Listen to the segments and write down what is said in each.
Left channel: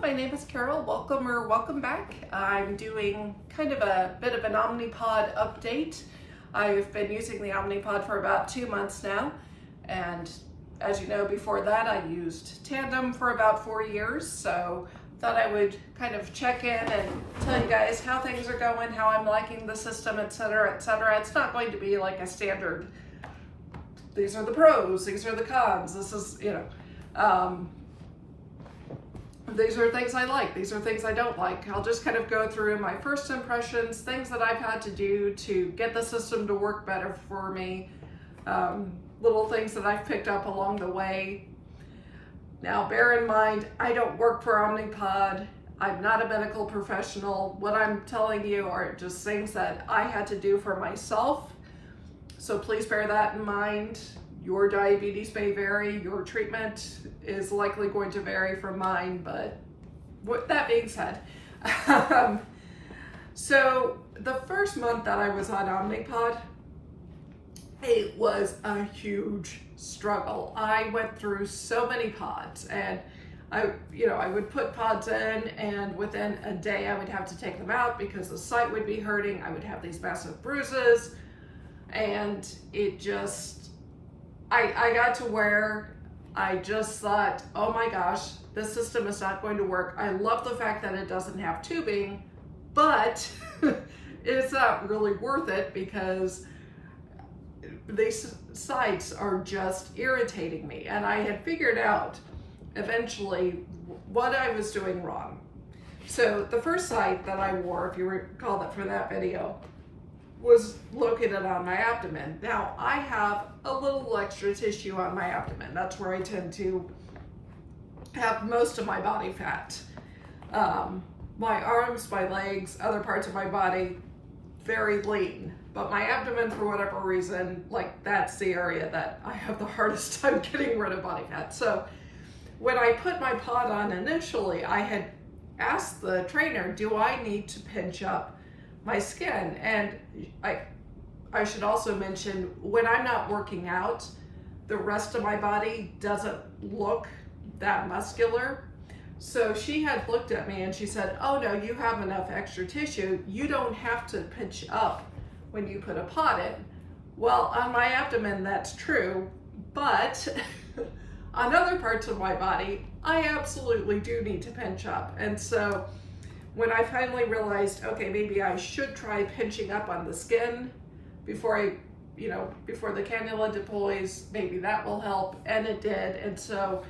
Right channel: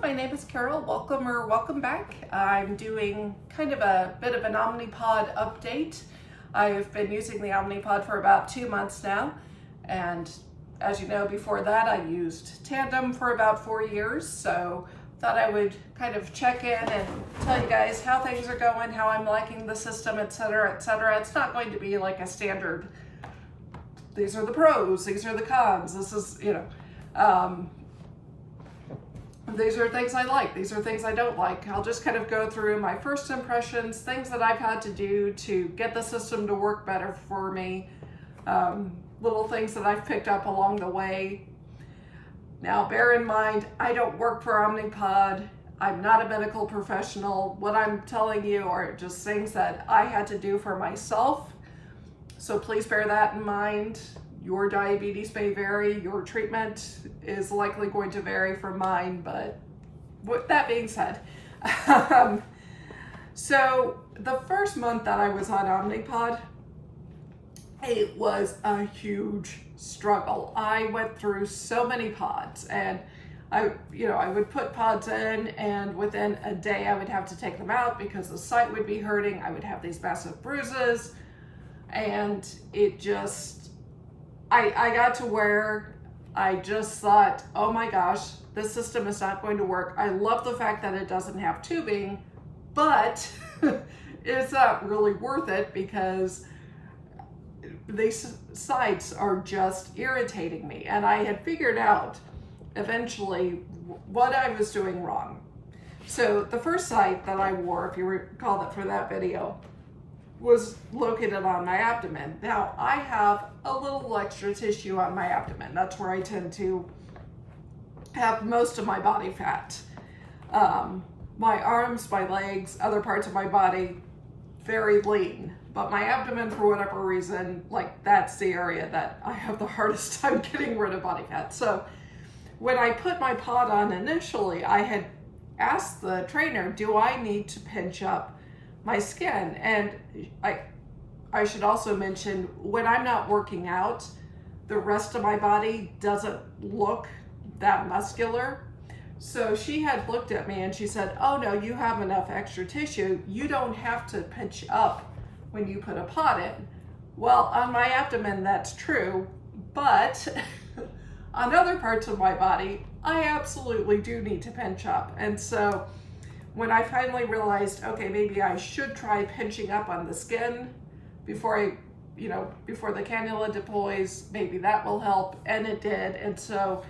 my name is Carol. Welcome back. I'm doing kind of a bit of an Omnipod update. I've been using the Omnipod for about 2 months now, and as you know, before that I used Tandem for about 4 years, so thought I would kind of check in and tell you guys how things are going, how I'm liking the system, etc., etc. It's not going to be like a standard, these are the pros, these are the cons, this is, these are things I like, these are things I don't like. I'll just kind of go through my first impressions, things that I've had to do to get the system to work better for me, little things that I've picked up along the way. Now, bear in mind, I don't work for Omnipod. I'm not a medical professional. What I'm telling you are just things that I had to do for myself. So please bear that in mind. Your diabetes may vary, your treatment is likely going to vary from mine, but with that being said, so the first month that I was on Omnipod, it was a huge struggle. I went through so many pods, and I would put pods in, and within a day I would have to take them out because the site would be hurting. I would have these massive bruises, and it just, I got to where I just thought, oh my gosh, this system is not going to work. I love the fact that it doesn't have tubing, but it's not really worth it because these sites are just irritating me. And I had figured out eventually what I was doing wrong. So the first site that I wore, if you recall that for that video, was located on my abdomen. Now, I have a little extra tissue on my abdomen. That's where I tend to have most of my body fat. My arms, my legs, other parts of my body, very lean. But my abdomen, for whatever reason, like that's the area that I have the hardest time getting rid of body fat. So when I put my pod on initially, I had asked the trainer, do I need to pinch up my skin? And I should also mention, when I'm not working out, the rest of my body doesn't look that muscular. So she had looked at me and she said, oh no, you have enough extra tissue. You don't have to pinch up when you put a pod in. Well, on my abdomen, that's true, but on other parts of my body, I absolutely do need to pinch up. And so when I finally realized, okay, maybe I should try pinching up on the skin before before the cannula deploys, maybe that will help, and it did. And so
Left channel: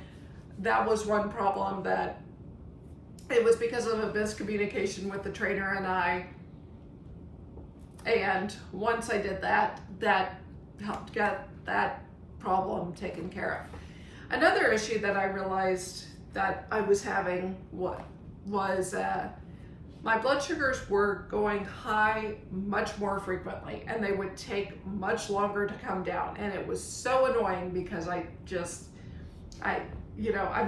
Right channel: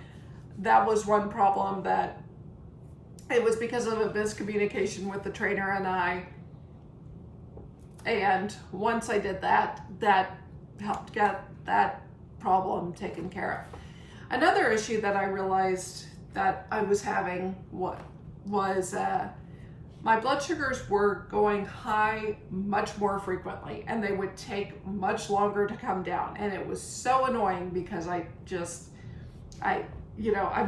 that was one problem, that it was because of a miscommunication with the trainer and I. And once I did that, that helped get that problem taken care of. Another issue that I realized that I was having was my blood sugars were going high much more frequently, and they would take much longer to come down. And it was so annoying because I'm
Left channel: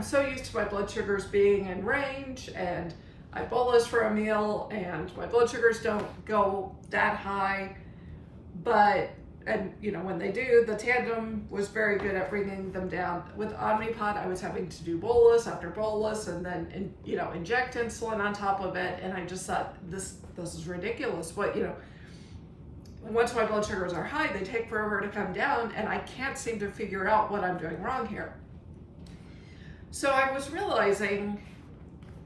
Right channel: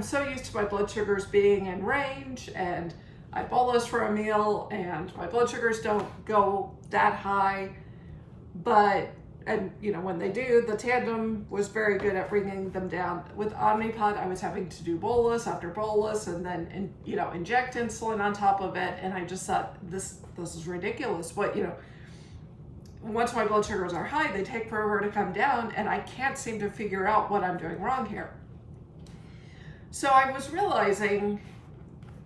so used to my blood sugars being in range, and I bolus for a meal and my blood sugars don't go that high, when they do, the Tandem was very good at bringing them down. With Omnipod, I was having to do bolus after bolus and then, inject insulin on top of it. And I just thought, this is ridiculous. But, once my blood sugars are high, they take forever to come down, and I can't seem to figure out what I'm doing wrong here. So I was realizing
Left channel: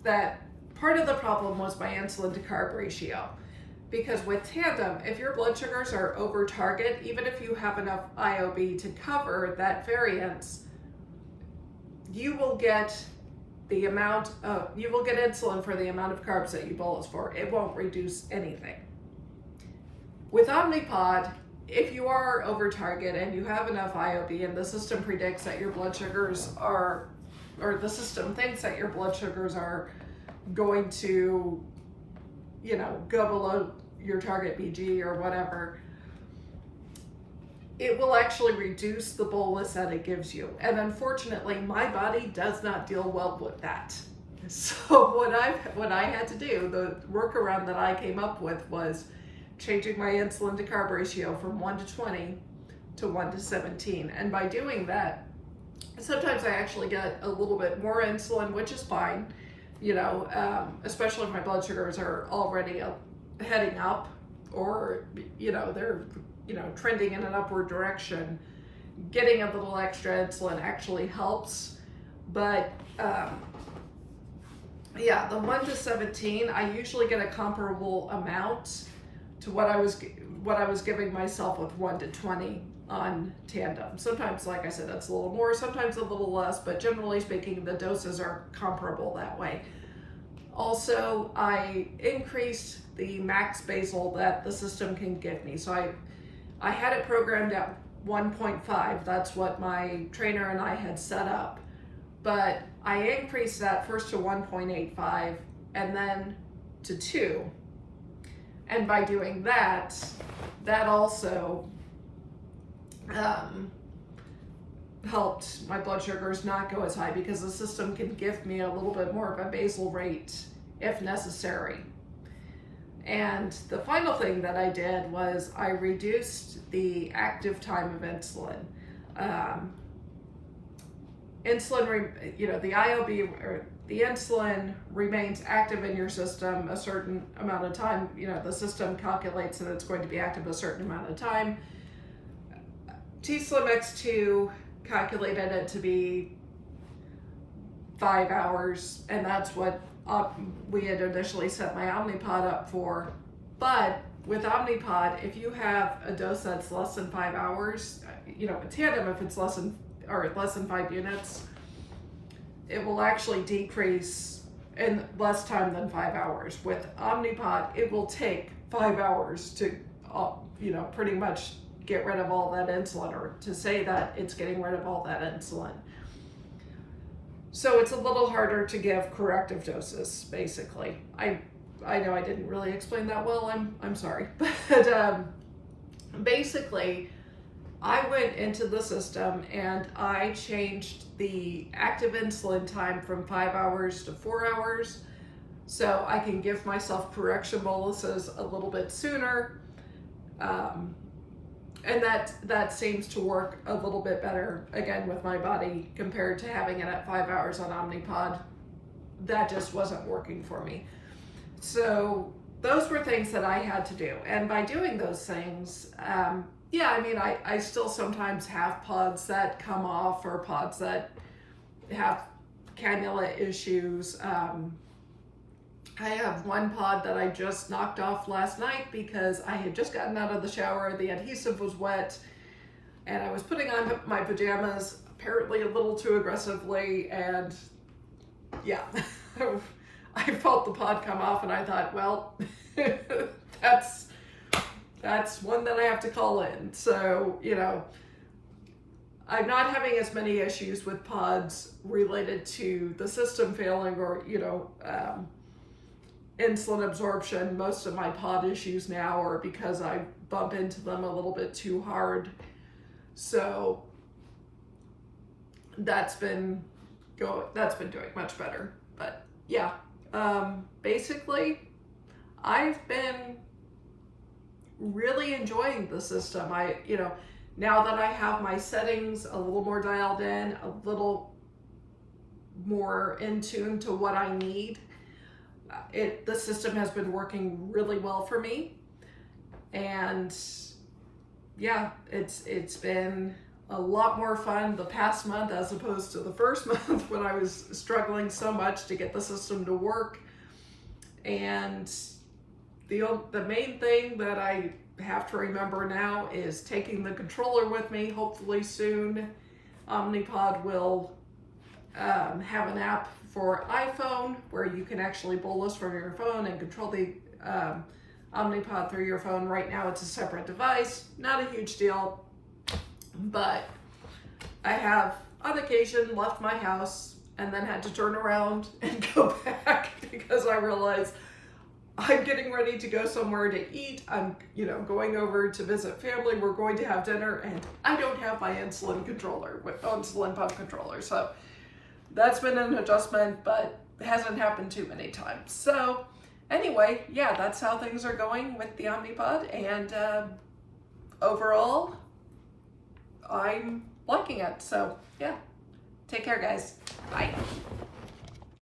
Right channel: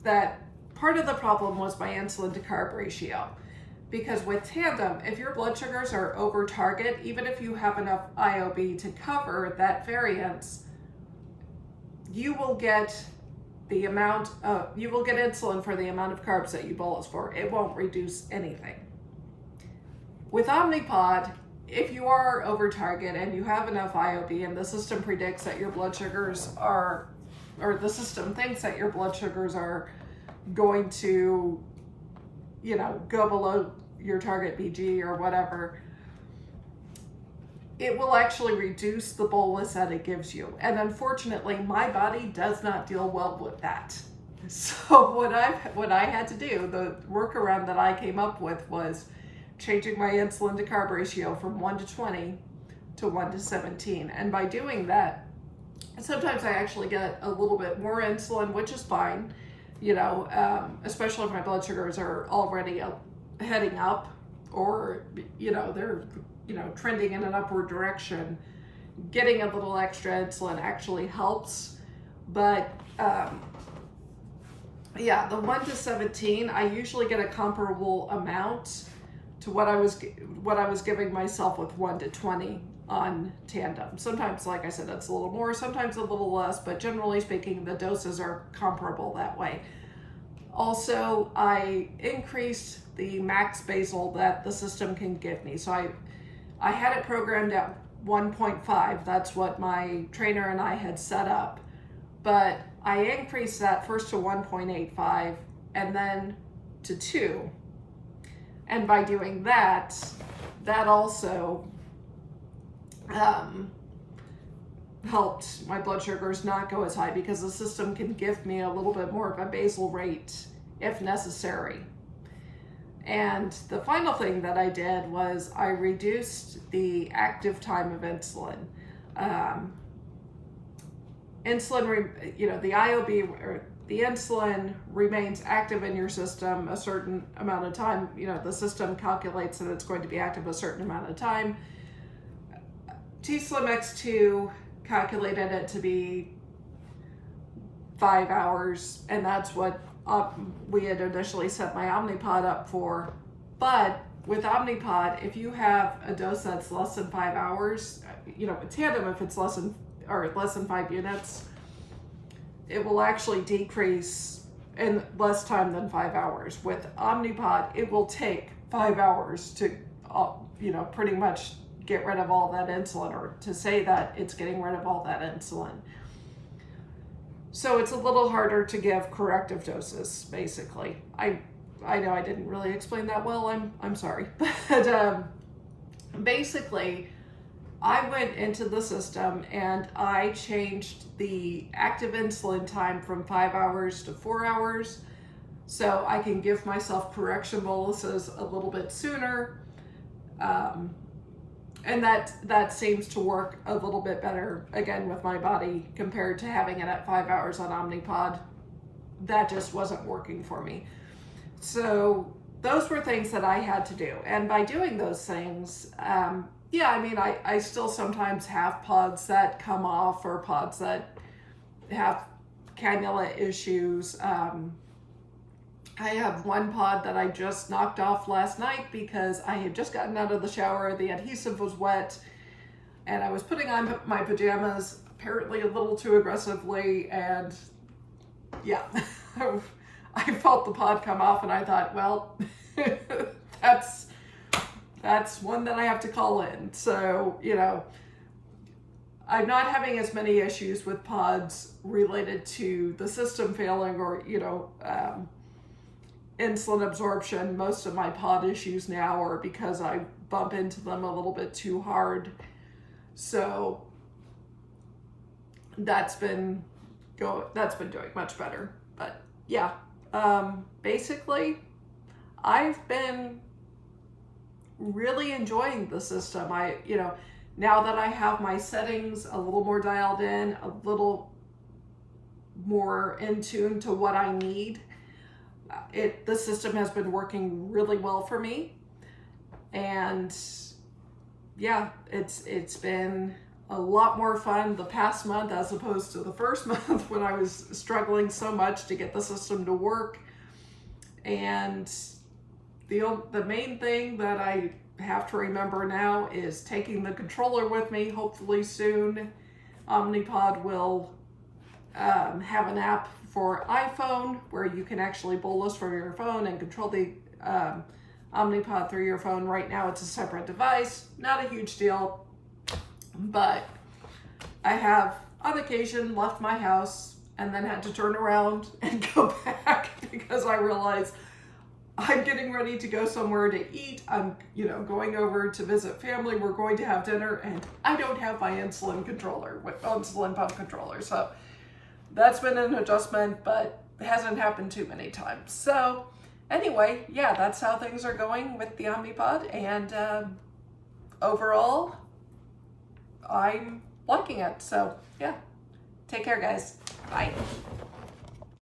that part of the problem was my insulin to carb ratio. Because with Tandem, if your blood sugars are over target, even if you have enough IOB to cover that variance, you will get insulin for the amount of carbs that you bolus for. It won't reduce anything. With Omnipod, if you are over target and you have enough IOB and the system predicts that your blood sugars are, or the system thinks that your blood sugars are going to go below your target BG or whatever, it will actually reduce the bolus that it gives you. And unfortunately, my body does not deal well with that. So what I had to do, the workaround that I came up with, was changing my insulin to carb ratio from 1 to 20 to 1 to 17. And by doing that, sometimes I actually get a little bit more insulin, which is fine. you know, especially if my blood sugars are already heading up, or, you know, they're, you know, trending in an upward direction. Getting a little extra insulin actually helps. But yeah, the 1 to 17, I usually get a comparable amount to what I was giving myself with 1 to 20 on Tandem. Sometimes, like I said, it's a little more, sometimes a little less, but generally speaking, the doses are comparable that way. Also, I increased the max basal that the system can give me. So I had it programmed at 1.5. That's what my trainer and I had set up. But I increased that first to 1.85 and then to 2. And by doing that, that also helped my blood sugars not go as high, because the system can give me a little bit more of a basal rate if necessary. And the final thing that I did was I reduced the active time of insulin. Insulin, you know, the IOB, or the insulin, remains active in your system a certain amount of time. You know, the system calculates that it's going to be active a certain amount of time. t:slim X2 calculated it to be 5 hours, and that's what we had initially set my Omnipod up for. But with Omnipod, if you have a dose that's less than 5 hours, you know, with Tandem, if it's less than 5 units, it will actually decrease in less time than 5 hours. With Omnipod, it will take 5 hours to, you know, pretty much get rid of all that insulin, or to say that it's getting rid of all that insulin. So it's a little harder to give corrective doses, basically. I know I didn't really explain that well, I'm sorry. But basically, I went into the system and I changed the active insulin time from 5 hours to 4 hours, so I can give myself correction boluses a little bit sooner. And that seems to work a little bit better, again, with my body, compared to having it at 5 hours on Omnipod. That just wasn't working for me. So those were things that I had to do. And by doing those things, yeah, I mean, I still sometimes have pods that come off, or pods that have cannula issues. I have one pod that I just knocked off last night because I had just gotten out of the shower, the adhesive was wet, and I was putting on my pajamas apparently a little too aggressively, and yeah, I felt the pod come off, and I thought, well, that's one that I have to call in. So, you know, I'm not having as many issues with pods related to the system failing, or, you know, insulin absorption. Most of my pod issues now are because I bump into them a little bit too hard. So that's been doing much better. But yeah, basically I've been really enjoying the system. You know, now that I have my settings a little more dialed in, a little more in tune to what I need, the system has been working really well for me. And yeah, it's been a lot more fun the past month as opposed to the first month when I was struggling so much to get the system to work. And the main thing that I have to remember now is taking the controller with me. Hopefully soon Omnipod will have an app for iPhone where you can actually bolus from your phone and control the Omnipod through your phone. Right now it's a separate device, not a huge deal, but I have on occasion left my house and then had to turn around and go back because I realized I'm getting ready to go somewhere to eat. I'm, you know, going over to visit family. We're going to have dinner, and I don't have my insulin pump controller. So that's been an adjustment, but it hasn't happened too many times. So anyway, yeah, that's how things are going with the Omnipod, and overall, I'm liking it. So yeah, take care, guys. Bye.